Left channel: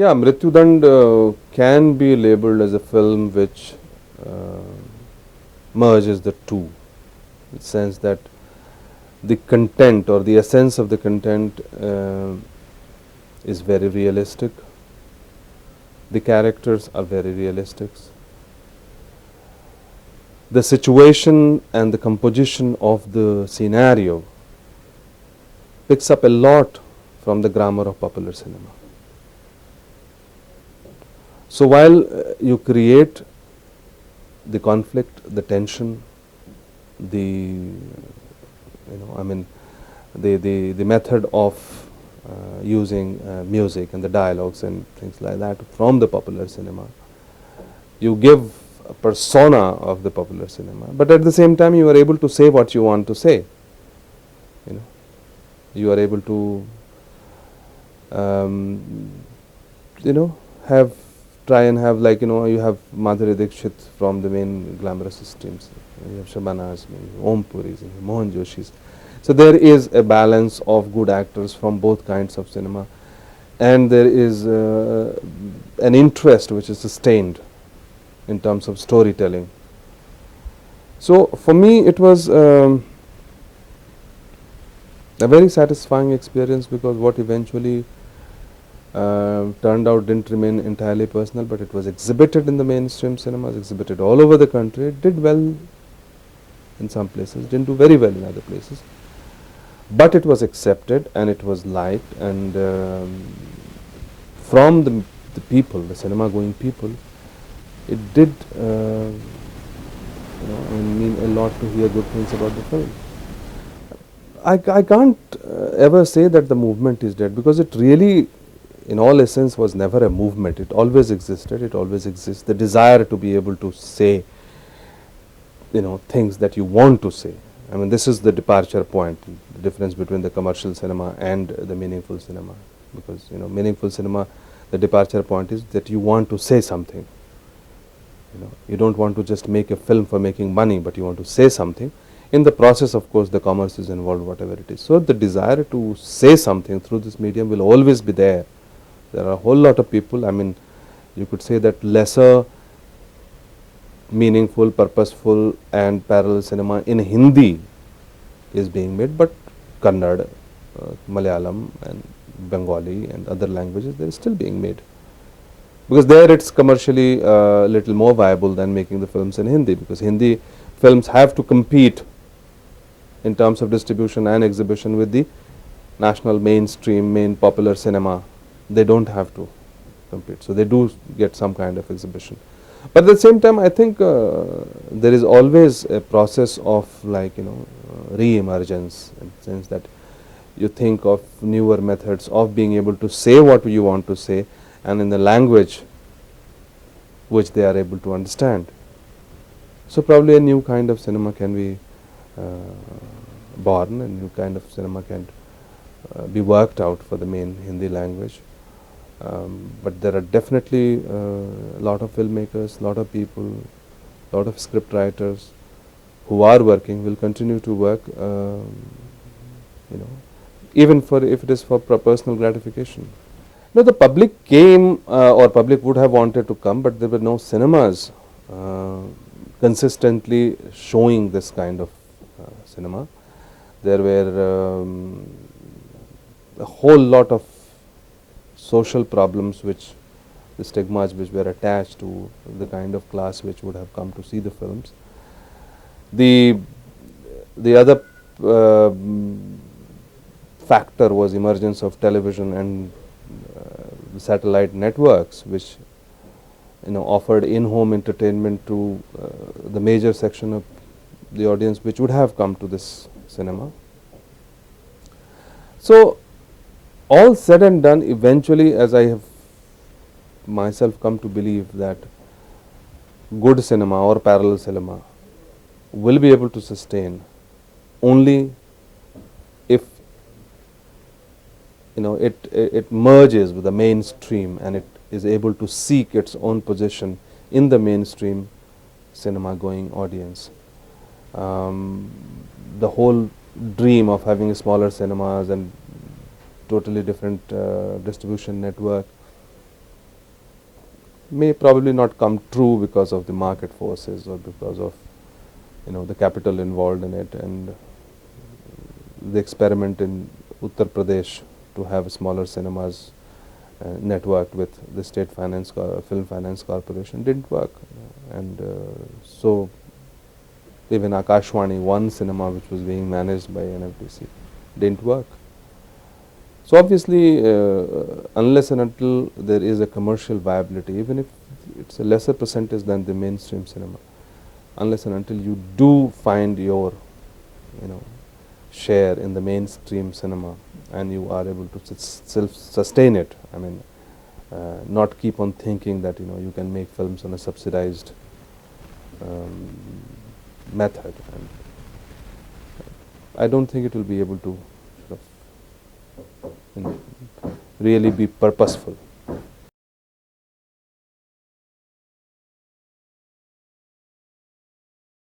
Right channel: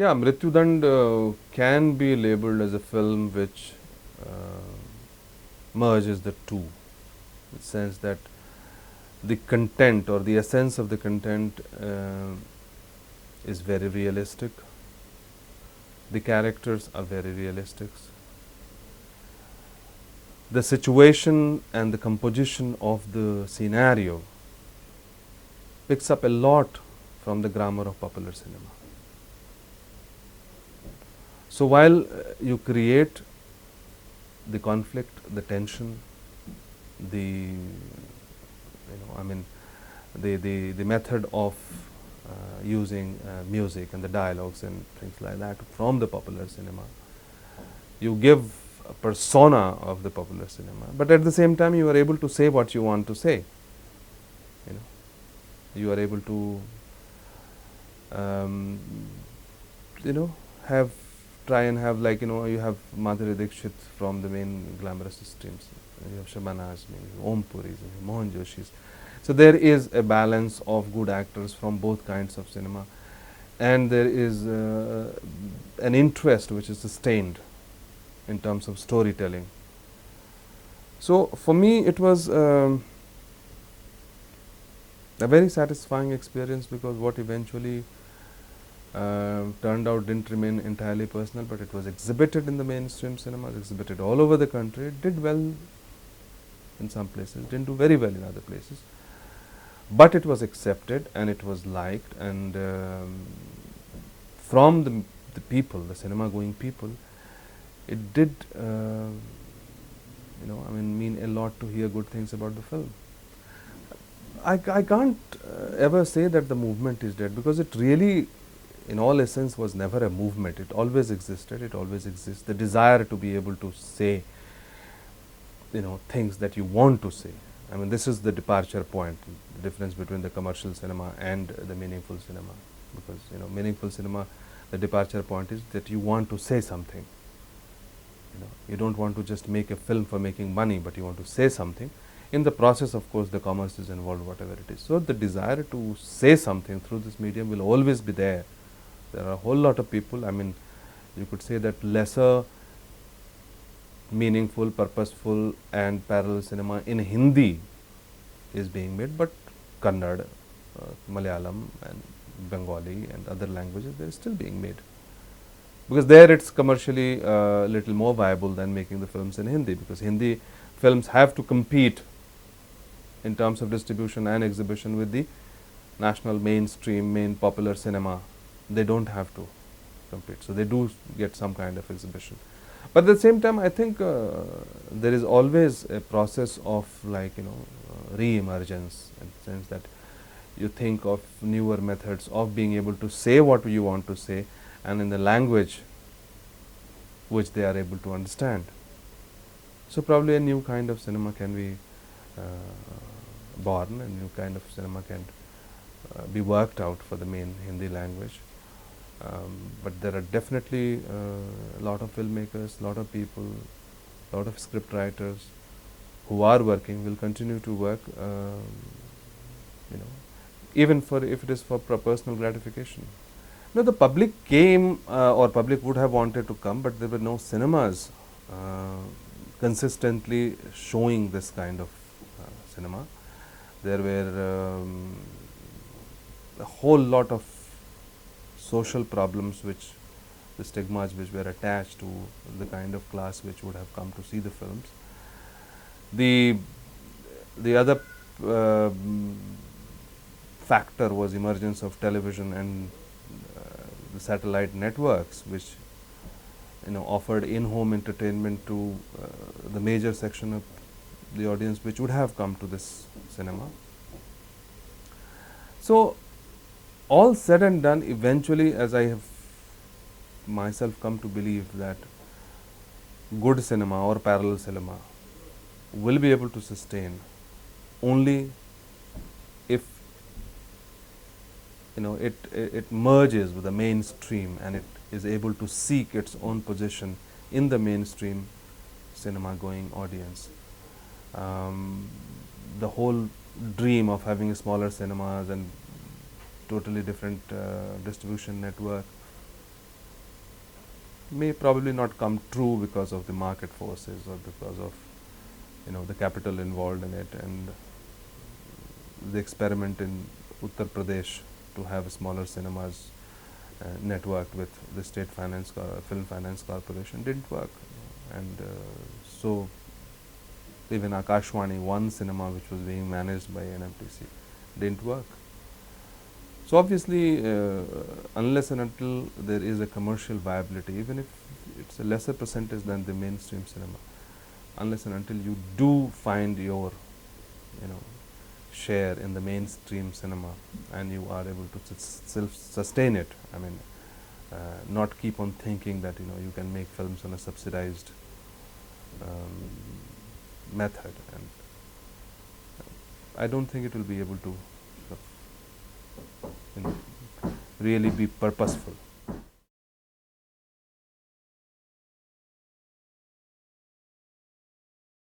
Yeah, Mrityudand can be labeled as a film which merges the two, in the sense that the content or the essence of the content is very realistic. The characters are very realistic. The situation and the composition of the scenario picks up a lot from the grammar of popular cinema. So while you create the conflict, the tension, the the method of using music and the dialogues and things like that from the popular cinema, you give a persona of the popular cinema, but at the same time you are able to say what you want to say. You know, you are able to um, have try and have, like, you have Madhuri Dixit from the main glamorous streams. You have Shabana Azmi, Om Puris, Mohan Joshis. So there is a balance of good actors from both kinds of cinema, and there is an interest which is sustained in terms of storytelling. So for me, it was a very satisfying experience, because what eventually turned out didn't remain entirely personal, but it was exhibited in the mainstream cinemas, exhibited all over the country. It did well in some places, didn't do very well in other places, but it was accepted and it was liked, and from the people, the cinema going people, it did mean a lot to hear good things about the film. I can't ever say that the movement is dead, because it really, in all essence, was never a movement. It always existed. It always exists. The desire to be able to say, things that you want to say. I mean, this is the departure point, the difference between the commercial cinema and the meaningful cinema. Because, meaningful cinema, the departure point is that you want to say something. You don't want to just make a film for making money, but you want to say something. In the process, of course, the commerce is involved, whatever it is. So the desire to say something through this medium will always be there. There are a whole lot of people. I mean, you could say that lesser meaningful, purposeful and parallel cinema in Hindi is being made, but Kannada, Malayalam and Bengali and other languages, they are still being made. Because there it's commercially a little more viable than making the films in Hindi, because Hindi films have to compete in terms of distribution and exhibition with the national mainstream, main popular cinema. They don't have to compete. So they do get some kind of exhibition. But at the same time, I think there is always a process of, re-emergence, in the sense that you think of newer methods of being able to say what you want to say, and in the language which they are able to understand. So probably a new kind of cinema can be born, a new kind of cinema can be worked out for the main Hindi language. But there are definitely a lot of filmmakers, lot of people, lot of script writers who are working, will continue to work, even for, if it is for personal gratification. No, the public came, or public would have wanted to come, but there were no cinemas consistently showing this kind of cinema. There were a whole lot of social problems, which the stigmas which were attached to the kind of class which would have come to see the films. The other factor was emergence of television and satellite networks, which offered in-home entertainment to the major section of the audience which would have come to this cinema. So all said and done, eventually, as I have myself come to believe, that good cinema or parallel cinema will be able to sustain only if it merges with the mainstream, and it is able to seek its own position in the mainstream cinema going audience. The whole dream of having smaller cinemas and totally different distribution network may probably not come true because of the market forces or because of the capital involved in it, and the experiment in Uttar Pradesh to have smaller cinemas networked with the state film finance corporation didn't work, and so even Akashwani, one cinema which was being managed by NFDC, didn't work. So obviously, unless and until there is a commercial viability, even if it's a lesser percentage than the mainstream cinema, unless and until you do find your, you know, share in the mainstream cinema, and you are able to self-sustain it. I mean, not keep on thinking that you can make films in a subsidized um, method. And I don't think it will be able to sort of, really be purposeful.